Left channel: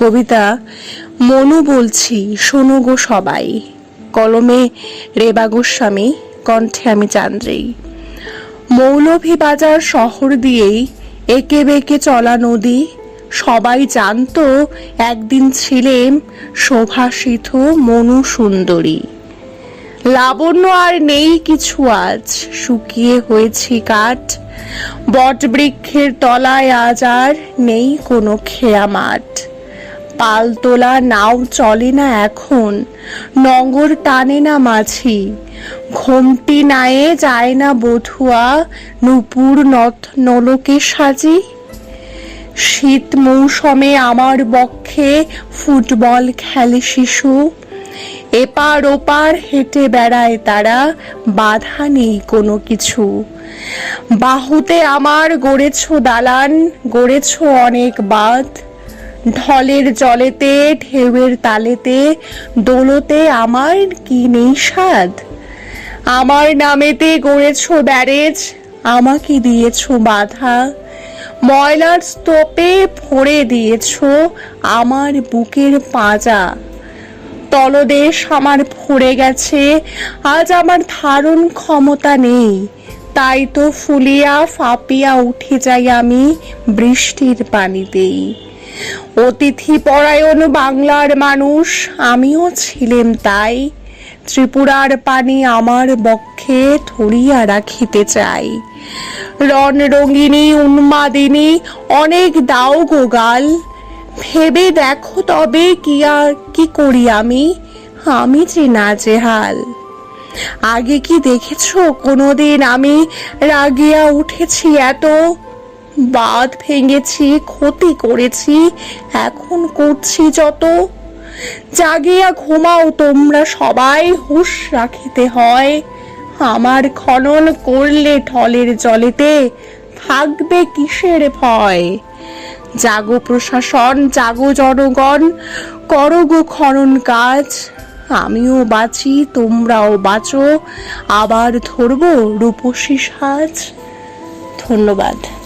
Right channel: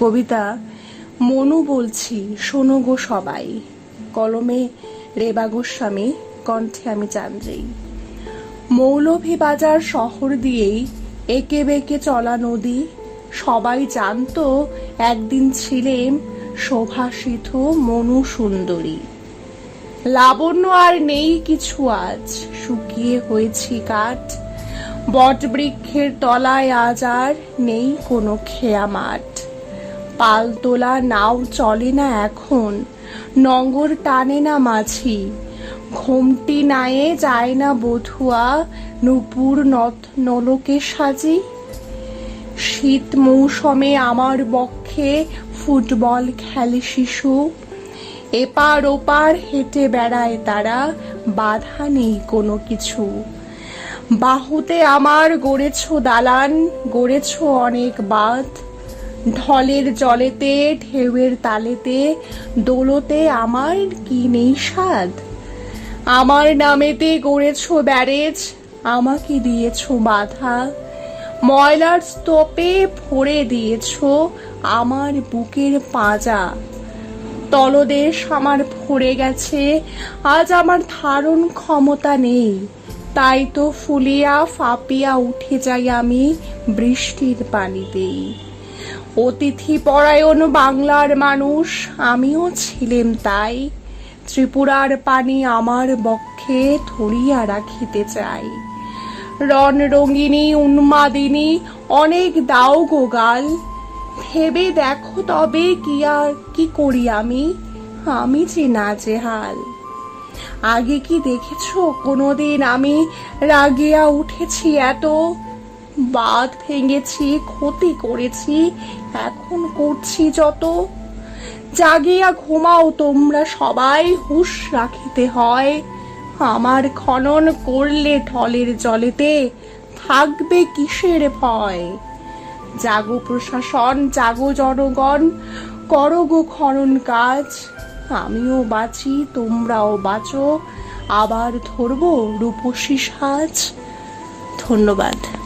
কবিতা, মনু বলছি, শোনো গো সবাই। কলমে, রেবা গোস্বামী, কণ্ঠে আমি চান্দ্রেই মৌলভীবাজার শহর দিয়েই একে বেঁকে চলা নদী, সবাই জানতো একদিন ছিলেন শোভাসিত মনু সুন্দরী। লাবণ্য আর নেই কিছু আজ, শুকিয়ে হয়েছি কাঠ। বটবৃক্ষের তলায় আজ আর নেই কোনো খেয়া মাঠ পালতোলা নাও চলে না এখন নগর টানে না মাঝি। ঘোমটি নায়ে যায় না বধুয়া, নুপুর নথ নলকে সাজি। শীত মৌসুমে আমার বক্ষে ফুটবল খেলে শিশু। এপার ওপার হেঁটে বেড়ায় তারা, বাধা নেই কোনো কিছু। বাহুতে আমার গড়েছ দালান, গড়েছ অনেক বাঁধ। ঢলের জলেতে, ঢেউয়ের তালেতে, দোলতে আমার কি নেই স্বাদ? আমার নামেতে গড়েছ ব্যারেজ, আমাকে দিয়েছ বাধা। ময়লার স্তূপে ভরে দিয়েছ আমার বুকের পাঁজা তলদেশ আমার ভরে গেছে, আজ আমার ধারণ ক্ষমতা নেই। তাই তো ফুলিয়া ফাঁপিয়া উঠে যাই আমি বৃষ্টির পানিতেই। অতিথি পরায়ণ বাংলার মানুষ, আমিও ছিলেন তাই। ত্রিপুরার পানি আমার বক্ষে ধরিয়া রাখিতে চাই। রণ রঙ্গিনী উন্মাদিনী, অনেক দাও গো গাল। ভেবে দেখো তবে কি আর, কি করি আমি? আমি যে না জেহাল আগে কি দেখেছ? কোনোদিন আমি রাগিয়া উঠেছি এত। বাঁধ ভেঙেছি, ক্ষতি করেছি, এখন করছি যত। জাগিয়া ঘুমাও তোমরা সবাই, হুঁশ রাখিতে হয়। আমার খনন করলে ঢলের জলেতে থাকবে কিসের ভয়? জাগো প্রশাসন, জাগো জনগণ, করো গো খনন কাজ। আমিও বাঁচি, তোমরাও বাঁচো, আবার ধরবো রূপসী সাজ। ধন্যবাদ।